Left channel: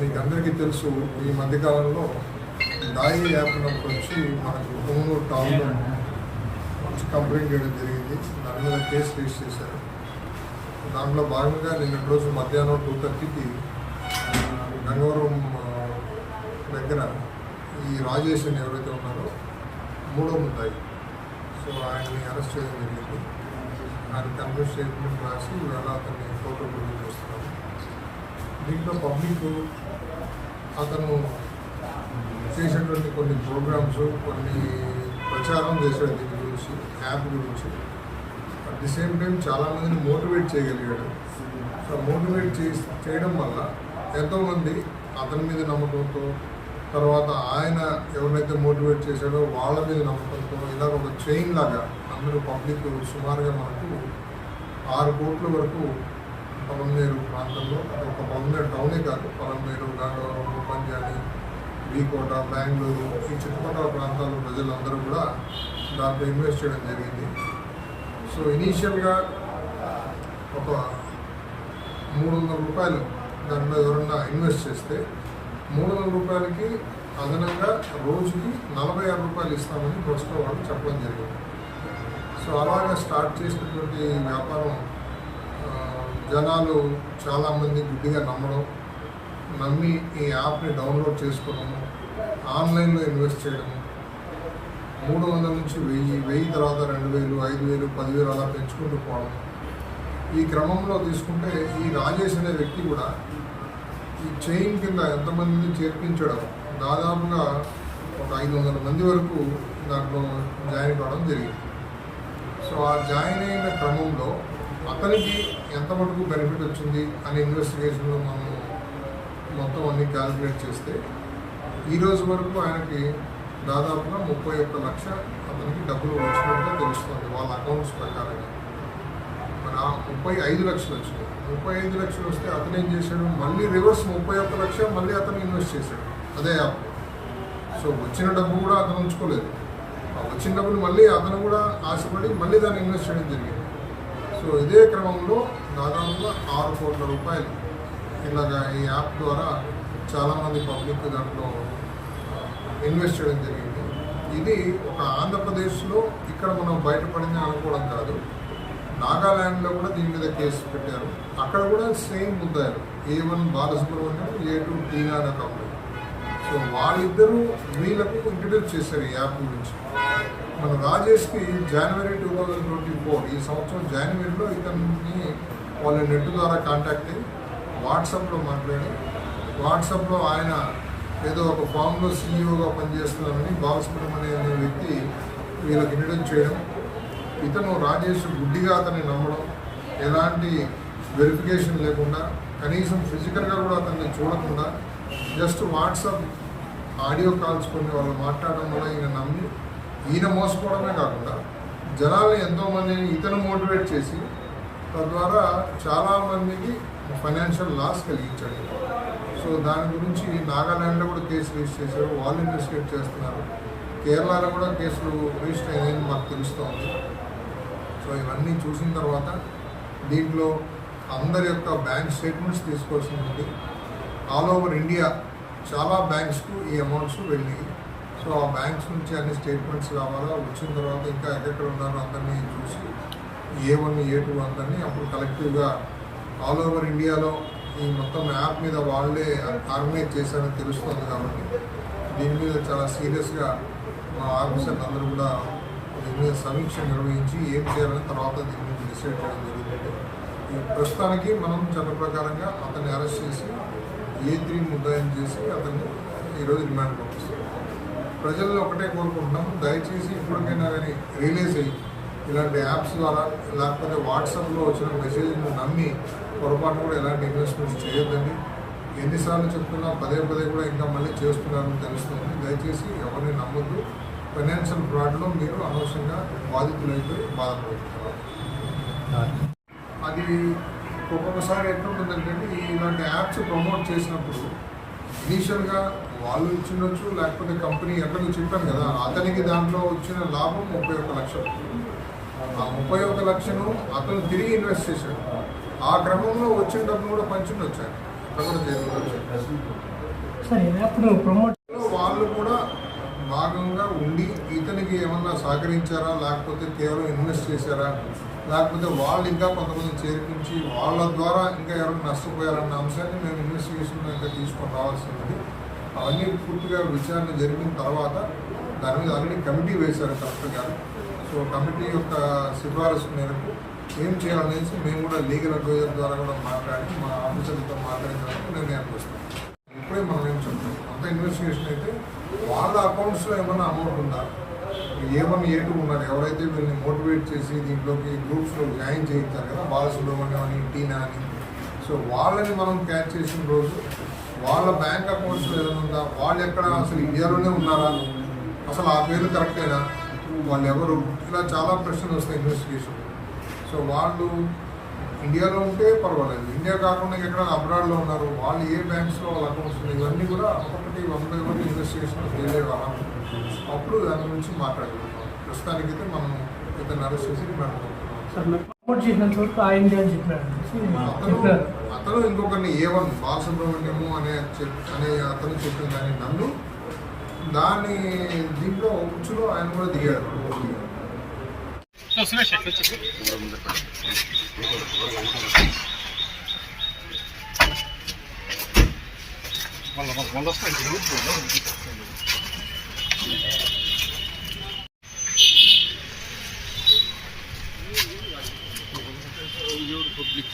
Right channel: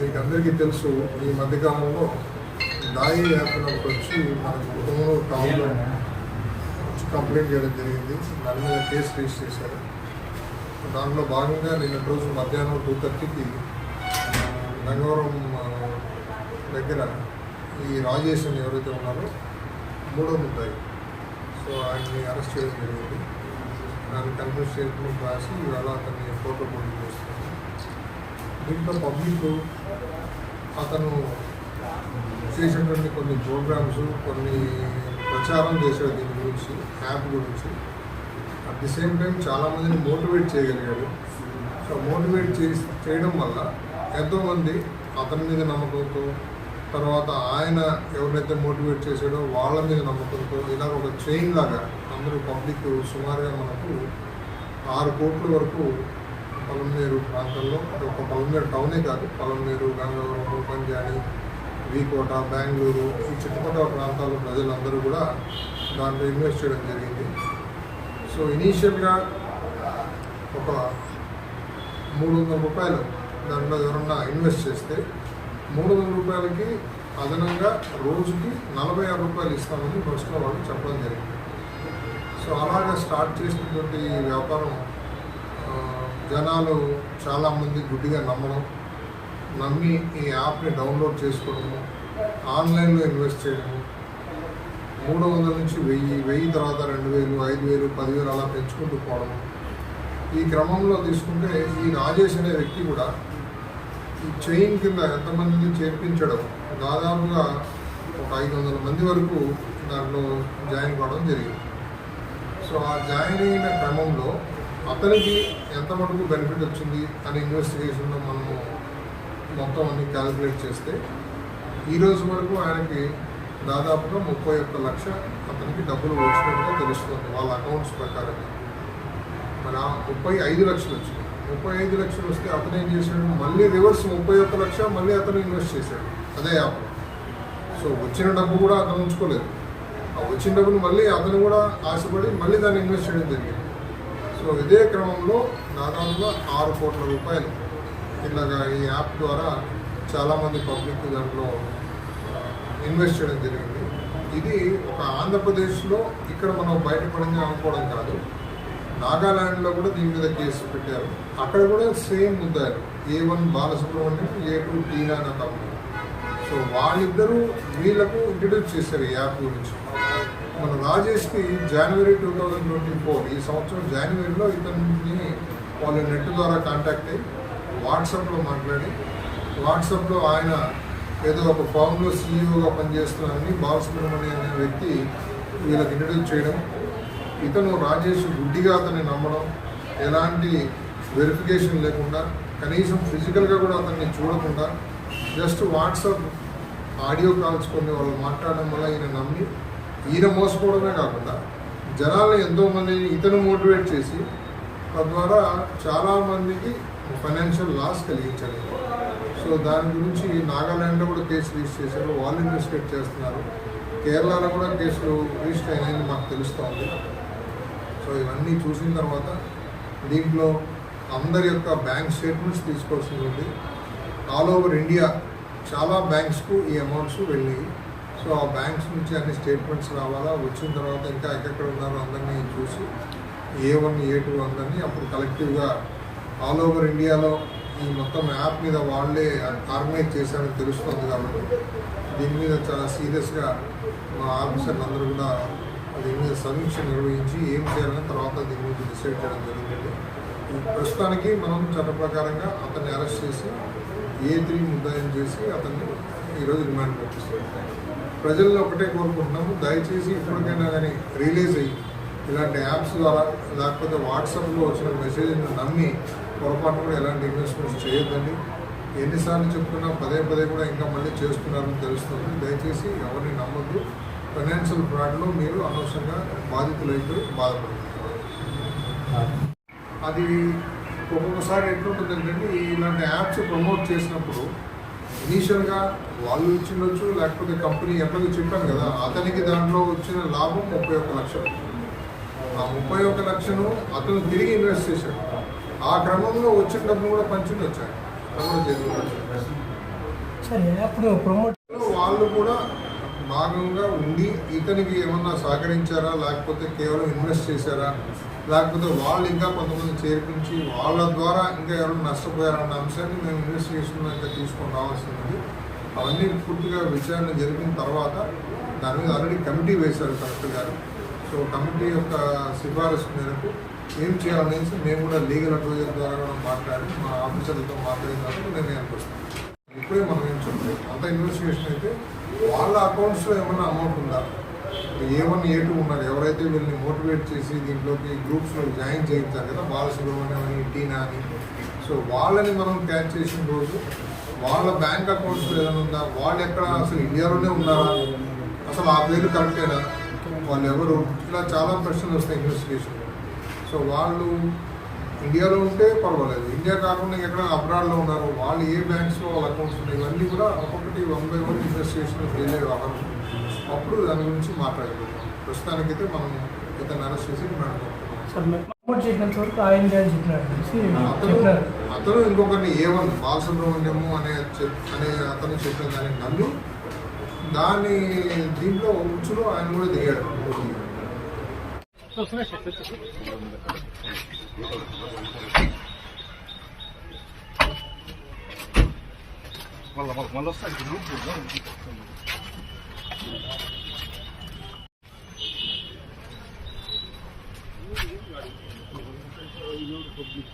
మీకు అందరికీ తెలుసు, ఈ మధ్యకాలంలో దాయి యాప్ వచ్చి మనకు కొమ్మూరు టౌన్లో కంప్లైంట్ చేయడం జరిగింది. దాని మీద కేసు రిజిస్టర్ చేశారు. దాంట్లో భాగంగా నిన్నటి రోజు మధ్యాహ్నం 2:30కి గంగవరం దగ్గర ఈ రాజేష్ అని ఎవరైతే ఉన్నారో మూడో ముద్దాయి, సో ఆయన్ని అరెస్ట్ చేయడం జరిగింది. ఆయన కన్ఫరెన్స్ స్టేట్మెంట్ రాసి ఇవాళ అతన్ని ఫోటో ప్రొడ్యూస్ చేస్తున్నారు. దీంట్లో పబ్లిక్ అతను చేసేటువంటి కొన్ని ప్రోగ్రామ్స్, కొన్ని ప్రచారం చేశాడు దీని గురించి, యాప్ గురించి. అట్ ది సేమ్ టైం చాలామందిని మోటివేట్ చేయగలిగాడు. సో మోటివేట్ చేయడం వల్ల ఎంతోమంది అతని మీద నమ్మకంతో, తర్వాత ఆయన ఎవరినైతే మోటివేట్ చేశాడో వాళ్ళ మీద నమ్మకంతో, ఇలా ఒక చైన్ లాగా అందరూ పబ్లిక్ సుమారుగా మనకు 6 కోట్ల వరకు పొలంనేరు ప్రాంతంలో, ఒక పొలంనేరు టౌనే కాదు, పొలంనేరు, గంగవరం, పంజాని, వీకోట, బెంగళూరు, ఈ చుట్టుపక్కల ప్రాంతాల ప్రజలందరూ కూడా దాంట్లో ఇన్వెస్ట్ చేయడం జరిగింది. సో ఇనీషియల్గా ఒక 300 రూపాయలు దాంట్లో ఎవరన్నా ఇన్వెస్ట్ చేస్తే 300 రూపాయలకి అదనంగా రోజుకి 46 రూపాయలు ఇస్తామని ఫస్ట్లో వాళ్ళు చెప్పడం జరిగింది. సో అలాగా స్టార్ట్ చేసినటువంటి వ్యాపారం జనాలు చాలామంది గుడ్డిగా నమ్మి ఈ యాప్ని డౌన్లోడ్ చేసుకోవడము, ఆన్లైన్లో ఇన్వెస్ట్ చేయడము, 300 నుంచి 1000 తర్వాత 2000, 5000, 10,000 అలా పెంచుకుంటూ పోవడం. ఈ క్రమంలో తీసుకుంటే ఈ రాజేష్ అనే వ్యక్తి కూడా ఈ చైన్ కింద ఎంతమందిని చేర్పించడం, దాదాపుగా ఒక 500 మంది వరకు దాంట్లో జాయిన్ కావడం జరిగింది. సో ఆ జాయిన్ అయిన క్రమంలో అతనికి ఎంత మటుకు బెనిఫిట్ వచ్చింది అని ఇన్వెస్టిగేషన్లో మనము మొత్తం అన్ని క్యాలిక్యులేట్ చేస్తే ఈరోజు వరకు ఆయనకి దాదాపుగా 31 లక్ష అతనికి డబ్బులు వచ్చినట్టుగా తెలుస్తుంది వాళ్ళ అకౌంట్స్ ప్రకారంగా. మన 35 లక్షలు వచ్చినాయి. 35 లక్షలు వస్తే అతను ఏం చేశాడు, మళ్ళీ రివర్స్ 31 లక్ష మళ్ళీ అతను ఇన్వెస్ట్ చేశాడు అదే యాప్లో. సో వచ్చిన డబ్బు కూడా అతను ఉంచుకోలేదు. ఆ వచ్చిన డబ్బులు మళ్ళీ అతను కూడా ఆశపడి మళ్ళీ దాన్ని ఇన్వెస్ట్ చేయడం జరిగింది. సో ఇదే క్రమంలో దాదాపుగా 6 కోట్ల రూపాయలు ఇలాగా ఈ యాప్ ద్వారా చాలామంది పబ్లిక్ దాంట్లో ఇన్వెస్ట్ చేయడం జరిగింది. ఇది ఒక ఆంధ్రప్రదేశ్లో ఇక్కడ మనం బయటపడింది అనుకోవడం కాదు, నాగాల్యాండ్లో కూడా దీని మీద కేసు పెట్టారు. అక్కడ కూడా సేమ్ ముద్దాయిలు, A1 బాలసుబ్రహ్మణ్యం, A2 టీనా అనే ఒక అమ్మాయి. సో వాళ్ళిద్దరూ వీళ్ళకు ఇంట్రడ్యూస్ చేశారు ఈ యాప్ గురించి. మన రాజేష్కి జనవరి 2024 ఈ సంవత్సరం జనవరిలో ఇతన్ని వాళ్ళ నెట్ ద్వారా కాంటాక్ట్ అయ్యి వాట్సాప్లో మాట్లాడి, వాట్సాప్లో ఆయన ఏదో ఒక ఫామ్లో సీఈఓగా పనిచేస్తున్నారని బాలసుబ్రహ్మణ్యం అనే వ్యక్తి వీళ్ళకి ఇంట్రడ్యూస్ చేయడం, ఇతను రాజేష్ గుడ్డిగా అతన్ని నమ్మడం, ఎలాంటి వెరిఫికేషన్ లేకుండా, కనీసం ఫిజికల్గా కూడా అతన్ని చూడకుండా జస్ట్ వాట్సాప్ ఆడియో కాల్స్ కొన్ని వాళ్ళు మాట్లాడడం వల్ల ఈయన నమ్మి ఈయన మోసపోవడమే కాకుండా జనాల్ని ఎంతోమందిని ఇతను మోటివేట్ చేసి తద్వారా చాలామందికి ఫైనాన్షియల్ లాస్ కలిగించాలి. సో దాని గురించి నాగాల్యాండ్లో కూడా కేసు రిజిస్టర్ చేశారు, వాళ్ళు ఇన్వెస్టిగేట్ చేస్తున్నారు. కేరళలో కూడా కేసులు రిజిస్టర్ అయినాయని మాకు తెలుస్తోంది. సో ఇవన్నీ చూసిన తర్వాత దీంట్లో అందరి యొక్క బ్యాంక్ స్టేట్మెంట్స్ తీసుకోవాల్సి ఉంది. ఆల్ ఓవర్ ఇండియా చాలా బ్యాంక్స్కు ఈ అమౌంట్స్ వెళ్ళినాయి. సో ఆ బ్యాంక్స్ నుంచి అన్ని స్టేట్మెంట్స్ రావాలా, వచ్చిన తర్వాత ఇంకా ఎక్కడెక్కడ ఉన్నారో అందరినీ చూసి A1, A2 అందరినీ అప్పుడు కలెక్టివ్గా ఆల్ ఓవర్ ఇండియాలో ఈ మొత్తం యాప్ మీద వాళ్ళే ఆర్గనైజ్ చేశారని తెలుస్తుంది. కాబట్టి దీని మీద చాలా సీరియస్గా మా ఆఫీసర్లు అందరూ కూడా దీని మీద సమీక్ష నిర్వహించి ఏం చేయాలని తర్వాత దీని గురించి డిసైడ్ చేయడం జరుగుతుంది. ఈ ప్రస్తుతానికి మనం చట్ట ప్రకారంగా అతన్ని అరెస్ట్ చేసి A3 ముద్దాయిని చేసి అతన్ని ఈరోజు డిమాండ్ పంపిస్తుంది. ప్రజల్లో ఒకటే కోరుకుంటున్నాము, దయచేసి ఇప్పటికైనా కానీ రిలీజ్ అయ్యి ఇలాంటి యాప్స్ ద్వారా లేకపోతే వాట్సాప్లో వచ్చిన మెసేజ్ని నమ్మి పొరపాటున కూడా ఎలాంటి ఇన్వెస్ట్మెంట్స్ చేయొద్దండి. ఎన్నిసార్లు చెప్తున్నా పదే పదే కూడా ఇంకా మళ్ళీ చేస్తున్నారని తెలుస్తుంది. దయచేసి ఎవరిని నమ్మొద్దు. ఫైనాన్షియల్ ఫ్రాడ్లో మీరు అనవసరంగా బాధితులైపోయి బాధపడుతున్నారు. అది ఒక్కొక్కసారి ఎట్లుంటుందంటే ఇలాంటి యాప్స్ ప్రమోట్ చేసినప్పుడు ఇనీషియల్గా వాళ్ళు ఇచ్చిండొచ్చు, లేకపోతే కంపెనీ ఎట్లాగో చెప్పాను కదా, అతనికి దాంట్లో వచ్చిన లాభం 31 లక్షలు. ఆ 31 లక్షలు అతను తిరిగి ఇన్వెస్ట్ చేశాడు. ఆ క్రమంలో వచ్చిన డబ్బులు కూడా పంచుండొచ్చు, అట్లా కూడా జరుగుతుంది. వాళ్ళు కూడా భాగంగా ఉండి ఇతనికి ఏమన్నా సహకరించారా, లేకపోతే కేవలం ఇన్వెస్ట్ చేశారా, లేకపోతే వాళ్ళు ఇంకా కొంతమంది చేర్పించి వాళ్ళ ద్వారా ఇంకా ఎవరైనా నష్టపోయారన్న అంశాన్ని మేము ఇన్వెస్టిగేషన్లో ఇంకా తీసుకొని రావాల్సింది. అవన్నీ పూర్తిగా విచారణ జరిపిన తర్వాత దాని మీద ఆల్రెడీ కమిటీ వేశారు కలెక్టర్ గారు. సో కమిటీ యొక్క సిఫారసు మేరకు ఏం చేయాలనేసి మేము కూడా లీగల్ అడ్వైజర్ ద్వారా కూడా మాట్లాడి మా ఆఫీసర్లతో మాట్లాడిన తర్వాత నిర్ణయానికి వస్తాం. ఇప్పుడే మనం ఏం చెప్తాం, అంత ఇన్వెస్టిగేషన్ అయితే వాళ్ళ అకౌంట్స్లో ఏమన్నా అమౌంట్ ఉందా, A1 A2 ఉన్నారు ఎవరైతే వీళ్ళని మోటివేట్ చేసి దీంట్లోకి గ్రూప్స్లో జాయిన్ చేయించారు కదా, బాలసుబ్రహ్మణ్యం అని, టీనా అని. సో వాళ్ళని మనం క్యాచ్ చేసిన రోజు వాళ్ళ బ్యాంక్ అకౌంట్స్లో ఏదైనా ఉందా, వాళ్ళు ఎక్కడ అసలు ఇండియాలోనే ఉన్నారా, అసలు ఆ పేర్లు కరెక్టేనా, వాళ్ళు ఎవరు, ఇలా చాలా ప్రశ్నలు వస్తాయి ఇన్వెస్టిగేషన్లో. సో వాళ్ళు ఇండియాలో ఉంటే పర్వాలేదు, ఇండియా కాకుండా ఎక్కడ అబ్రాడ్లో ఉన్నారు, వాళ్ళు ఏ బ్యాంక్స్లో వాళ్ళ అకౌంట్స్ ఉన్నాయి, ఇవన్నీ కూడా ఒక్కొక్కటి 1 by 1 ఇన్వెస్టిగేషన్లో ఫెయిల్ అయ్యే వాహనం. అప్పుడు దాని గురించి మాట్లాడగలుగుతాం. ప్రస్తుతానికైతే మనం ఇతను అరెస్ట్ చేసి డిమాండ్ పంపుతున్నాం. అతను ఇంకొకరిని A1 బాలసుబ్రహ్మణ్యము అనే అతను చెప్పిన దాన్ని నమ్మి దాన్ని దీంట్లో ఉచ్చులో ఆయన కూడా దిగాడు. పబ్లిక్